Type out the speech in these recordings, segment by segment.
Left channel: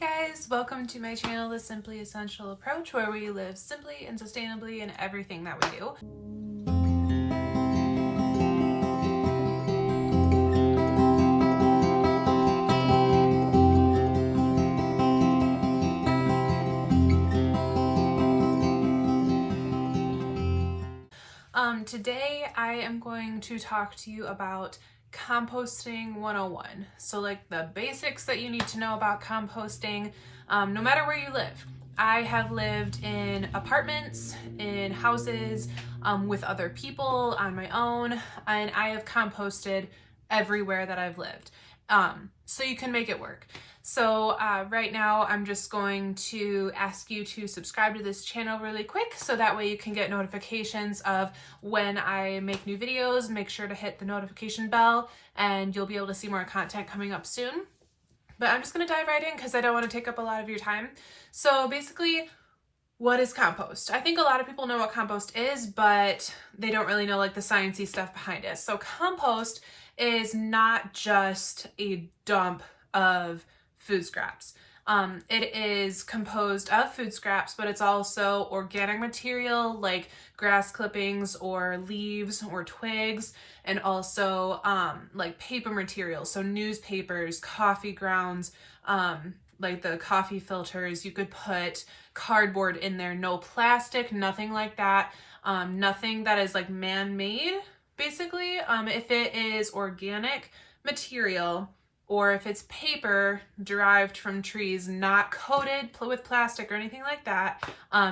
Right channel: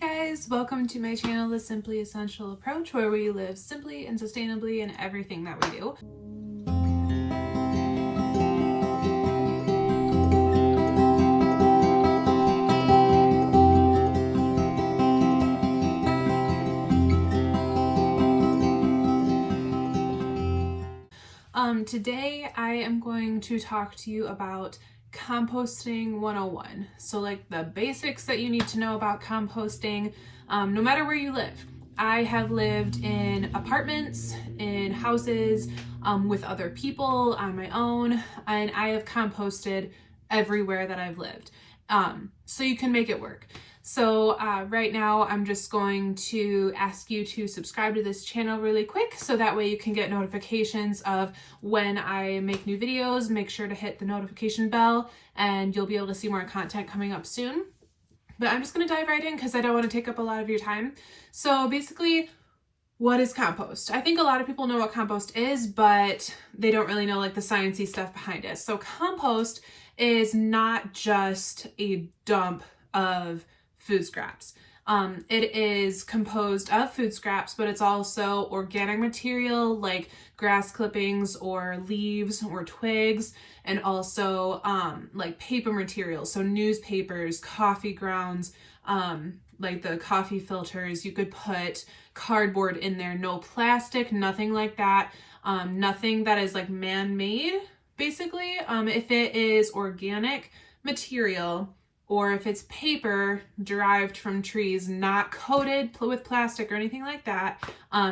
Hey guys, welcome to my channel, The Simply Essential Approach, where we live simply and sustainably in everything that we do. Today I am going to talk to you about composting 101. So like the basics that you need to know about composting, no matter where you live. I have lived in apartments, in houses, with other people, on my own, and I have composted everywhere that I've lived. So you can make it work. So right now I'm just going to ask you to subscribe to this channel really quick so that way you can get notifications of when I make new videos. Make sure to hit the notification bell and you'll be able to see more content coming up soon. But I'm just going to dive right in because I don't want to take up a lot of your time. So basically, what is compost? I think a lot of people know what compost is, but they don't really know like the sciencey stuff behind it. So compost is not just a dump of food scraps. It is composed of food scraps, but it's also organic material like grass clippings or leaves or twigs, and also like paper materials, so newspapers, coffee grounds, like the coffee filters. You could put cardboard in there, no plastic, nothing like that, nothing that is like man-made, basically. If it is organic material, or if it's paper derived from trees, not coated with plastic or anything like that,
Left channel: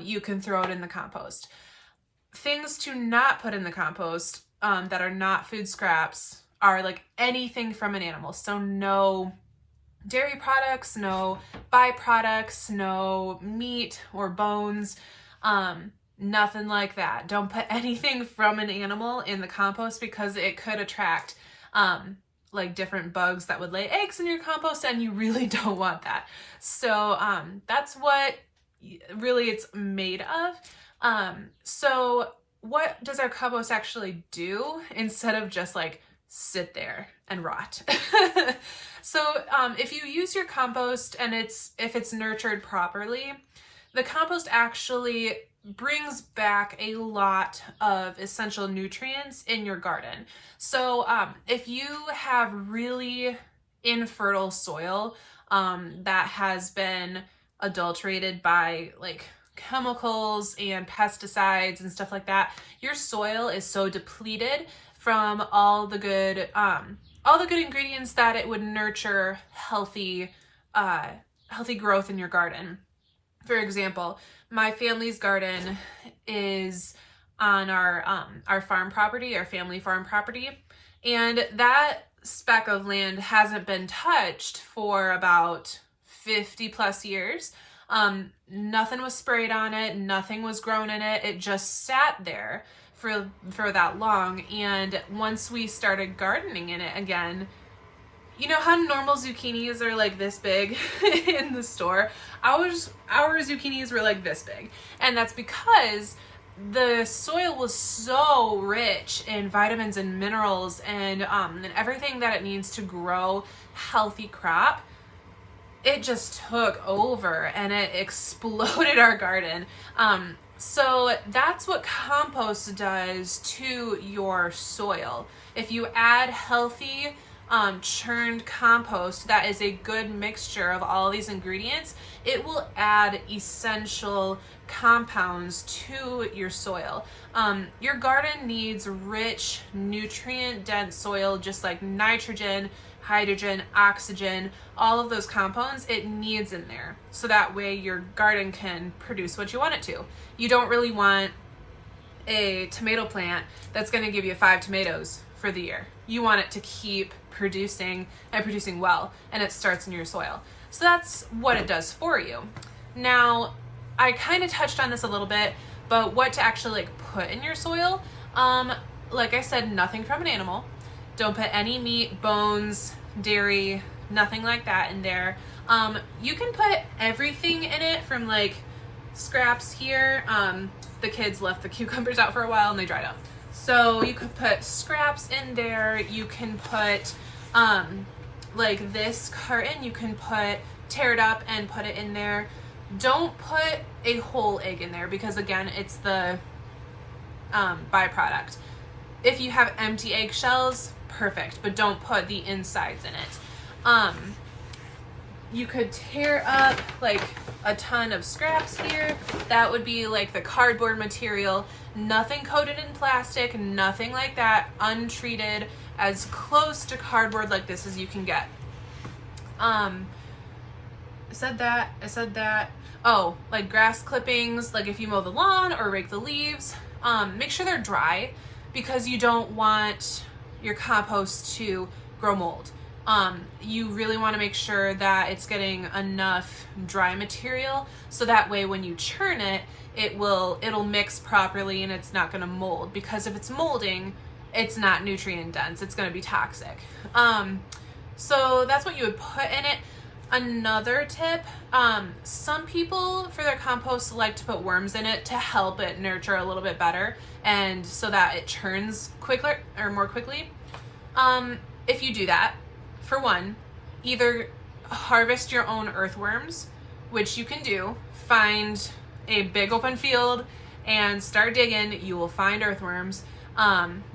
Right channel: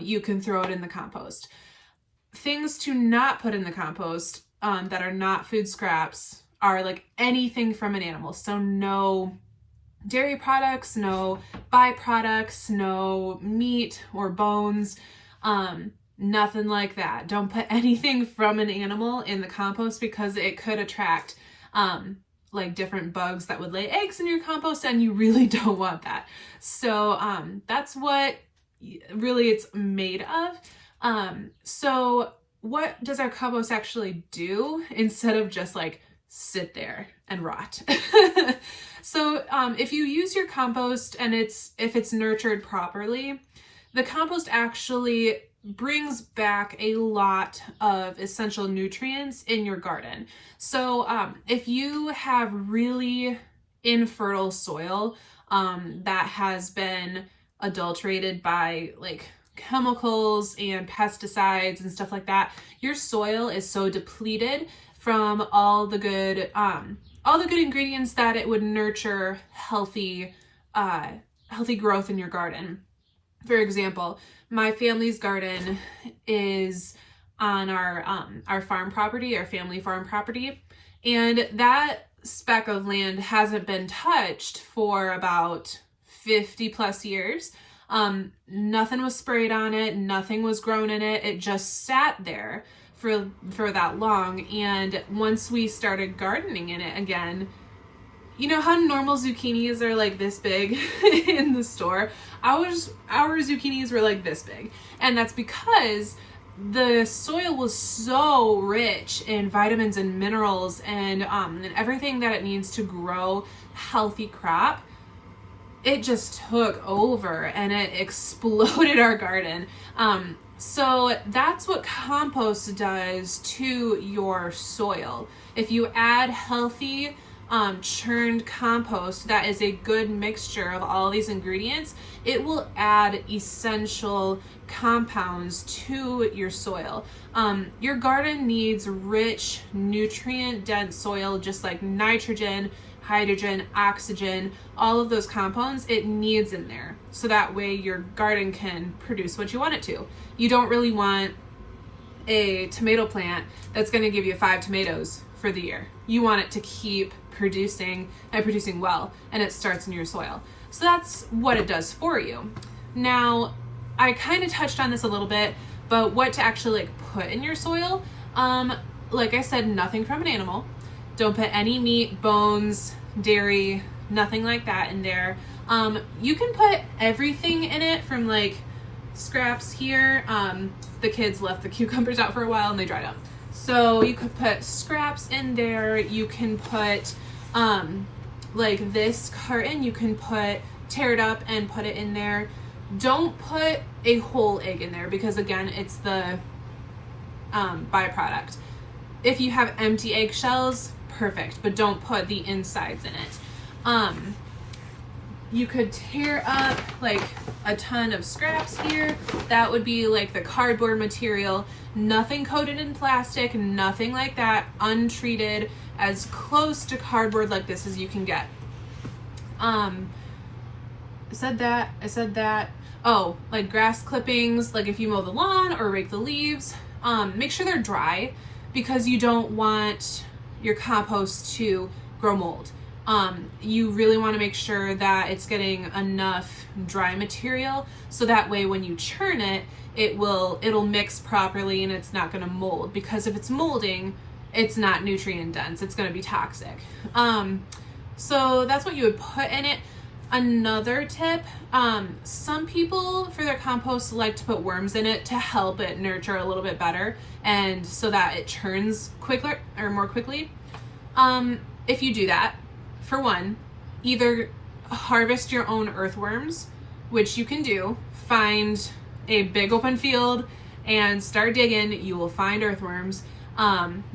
you can throw it in the compost. Things to not put in the compost that are not food scraps are like anything from an animal. So no dairy products, no byproducts, no meat or bones, nothing like that. Don't put anything from an animal in the compost because it could attract like different bugs that would lay eggs in your compost, and you really don't want that. So that's what really it's made of. So what does our compost actually do instead of just like sit there and rot? So if you use your compost and if it's nurtured properly, the compost actually brings back a lot of essential nutrients in your garden. So if you have really infertile soil that has been adulterated by like chemicals and pesticides and stuff like that, your soil is so depleted from all the good ingredients that it would nurture healthy growth in your garden. For example, my family's garden is on our farm property, our family farm property, and that speck of land hasn't been touched for about 50 plus years. Nothing was sprayed on it, nothing was grown in it. It just sat there for that long. And once we started gardening in it again, you know how normal zucchinis are like this big in the store? Our zucchinis were like this big. And that's because the soil was so rich in vitamins and minerals and everything that it needs to grow healthy crop. It just took over and it exploded our garden. So that's what compost does to your soil. If you add healthy churned compost that is a good mixture of all these ingredients, it will add essential compounds to your soil. Your garden needs rich, nutrient-dense soil, just like nitrogen, hydrogen, oxygen, all of those compounds it needs in there. So that way your garden can produce what you want it to. You don't really want a tomato plant that's going to give you 5 tomatoes for the year. You want it to keep producing and producing well, and it starts in your soil. So that's what it does for you. Now, I kind of touched on this a little bit, but what to actually like put in your soil, like I said, nothing from an animal. Don't put any meat, bones, dairy, nothing like that in there. You can put everything in it from like scraps here. The kids left the cucumbers out for a while and they dried up. So you could put scraps in there. You can put like this carton, you can tear it up and put it in there. Don't put a whole egg in there because again, it's the byproduct. If you have empty eggshells, perfect, but don't put the insides in it. You could tear up like a ton of scraps here. That would be like the cardboard material, nothing coated in plastic, nothing like that, untreated, as close to cardboard like this as you can get. I said that. Oh, like grass clippings, like if you mow the lawn or rake the leaves, make sure they're dry because you don't want your compost to grow mold. You really want to make sure that it's getting enough dry material so that way when you churn it, it'll mix properly and it's not going to mold, because if it's molding, it's not nutrient dense, it's going to be toxic. So that's what you would put in it. Another tip, some people for their compost like to put worms in it to help it nurture a little bit better and so that it churns quicker or more quickly. If you do that, for one, either harvest your own earthworms, which you can do. Find a big open field and start digging. You will find earthworms.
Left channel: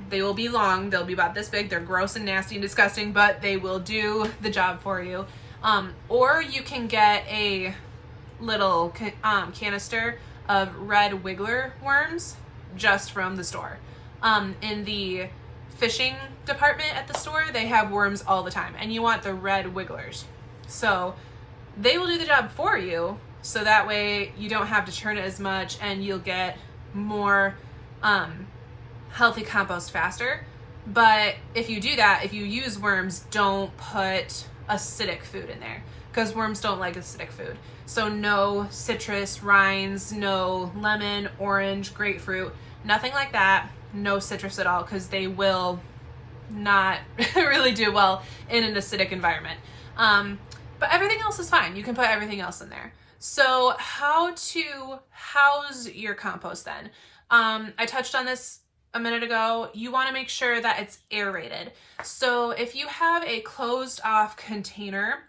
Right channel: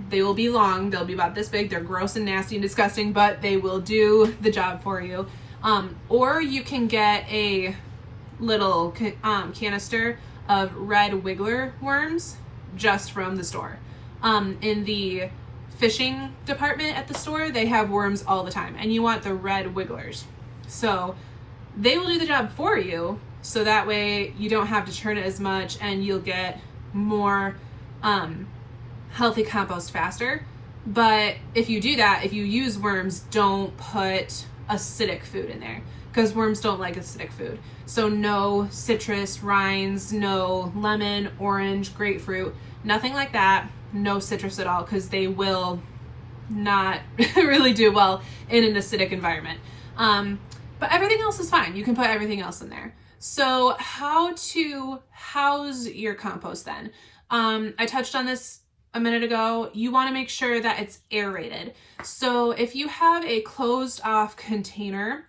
They will be long. They'll be about this big. They're gross and nasty and disgusting, but they will do the job for you. Or you can get a little canister of red wiggler worms just from the store. In the fishing department at the store, they have worms all the time, and you want the red wigglers. So they will do the job for you, so that way you don't have to churn it as much and you'll get more healthy compost faster. But if you do that, if you use worms, don't put acidic food in there because worms don't like acidic food. So no citrus rinds, no lemon, orange, grapefruit, nothing like that. No citrus at all, because they will not really do well in an acidic environment. But everything else is fine. You can put everything else in there. So how to house your compost then? I touched on this a minute ago. You want to make sure that it's aerated. So if you have a closed off container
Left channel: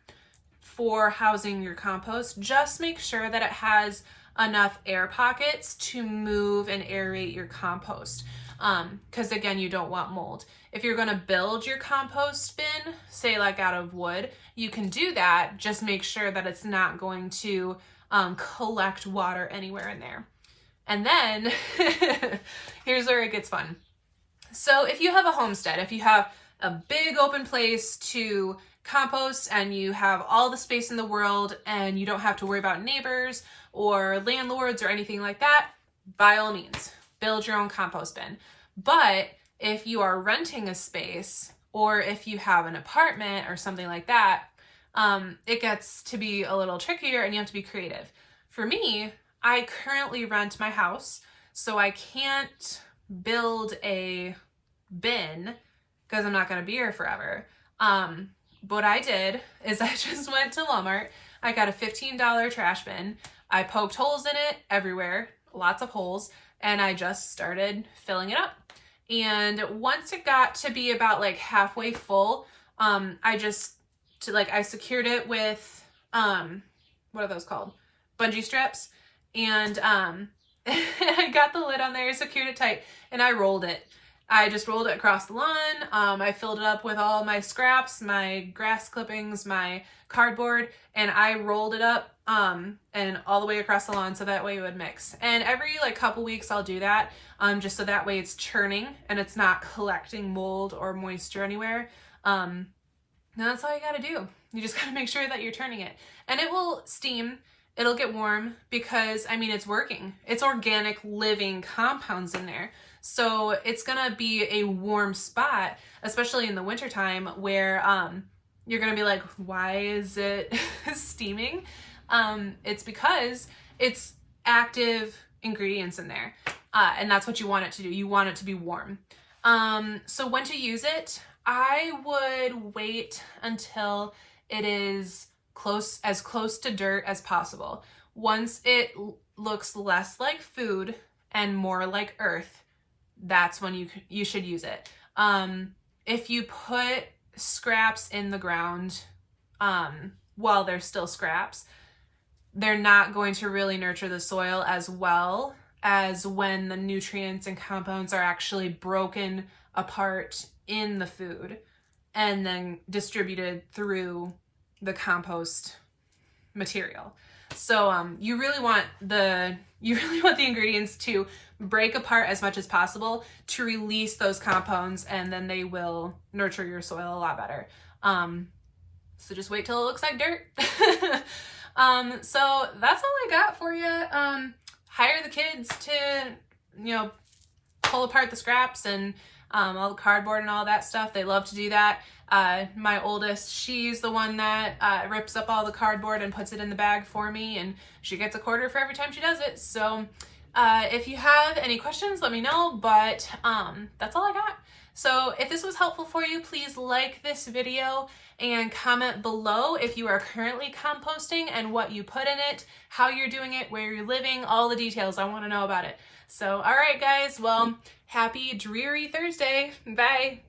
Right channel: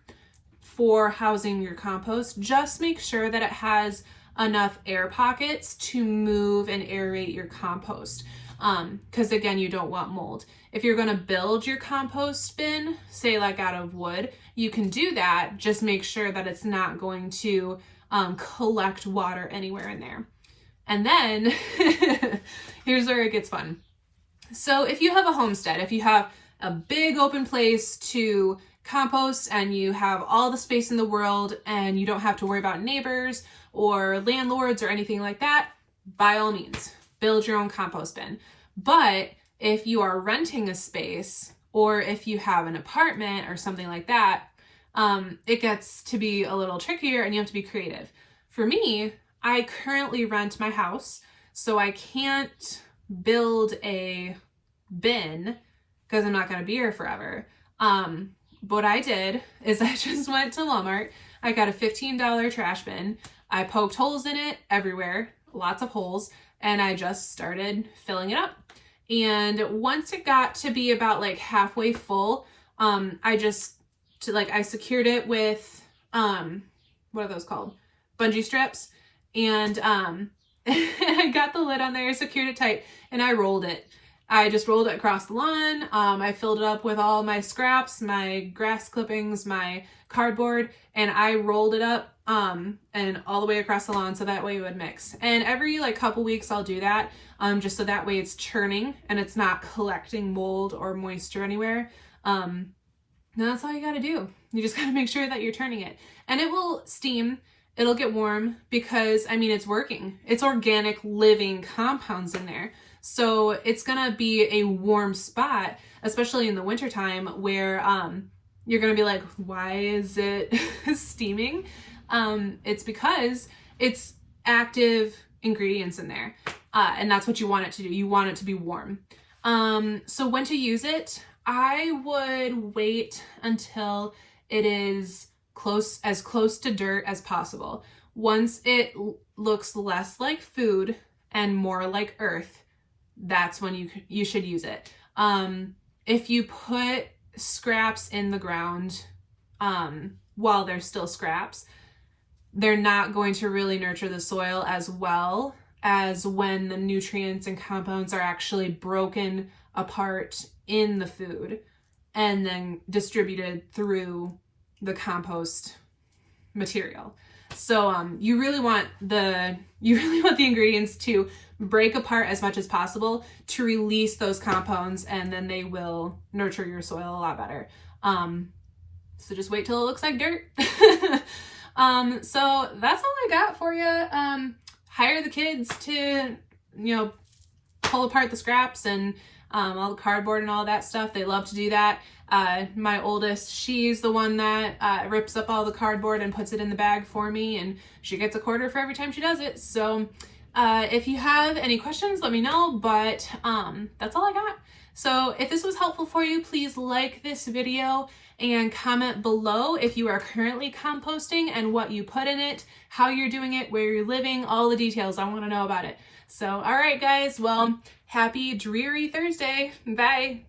for housing your compost, just make sure that it has enough air pockets to move and aerate your compost. Because again, you don't want mold. If you're going to build your compost bin, say like out of wood, you can do that. Just make sure that it's not going to collect water anywhere in there. And then here's where it gets fun. So if you have a homestead, if you have a big open place to compost and you have all the space in the world and you don't have to worry about neighbors or landlords or anything like that, by all means, build your own compost bin. But if you are renting a space or if you have an apartment or something like that, it gets to be a little trickier and you have to be creative. For me, I currently rent my house, so I can't build a bin because I'm not going to be here forever. What I did is I just went to Walmart. I got a $15 trash bin. I poked holes in it everywhere, lots of holes, and I just started filling it up. And once it got to be about like halfway full, I secured it with, what are those called? Bungee strips. And I got the lid on there, secured it tight, and I rolled it. I just rolled it across the lawn. I filled it up with all my scraps, my grass clippings, my cardboard, and I rolled it up and all the way across the lawn so that way it would mix. And every like couple weeks I'll do that just so that way it's churning and it's not collecting mold or moisture anywhere. And that's all you gotta do. You just gotta make sure that you're turning it. And it will steam, it'll get warm because, I mean, it's working. It's organic living compounds in there. So it's gonna be a warm spot, especially in the wintertime where you're gonna be like, why is it steaming? It's because it's active ingredients in there. And that's what you want it to do. You want it to be warm. So when to use it, I would wait until it is as close to dirt as possible. Once it looks less like food and more like earth, that's when you should use it. If you put scraps in the ground while they're still scraps, they're not going to really nurture the soil as well as when the nutrients and compounds are actually broken apart in the food and then distributed through the compost material. So you really want the ingredients to break apart as much as possible to release those compounds, and then they will nurture your soil a lot better. So just wait till it looks like dirt. So that's all I got for you. Hire the kids to, pull apart the scraps and all the cardboard and all that stuff. They love to do that. My oldest, she's the one that rips up all the cardboard and puts it in the bag for me, and she gets a quarter for every time she does it. So if you have any questions, let me know, but that's all I got. So if this was helpful for you, please like this video and comment below if you are currently composting and what you put in it, how you're doing it, where you're living, all the details. I want to know about it. So, all right, guys. Well, happy dreary Thursday. Bye.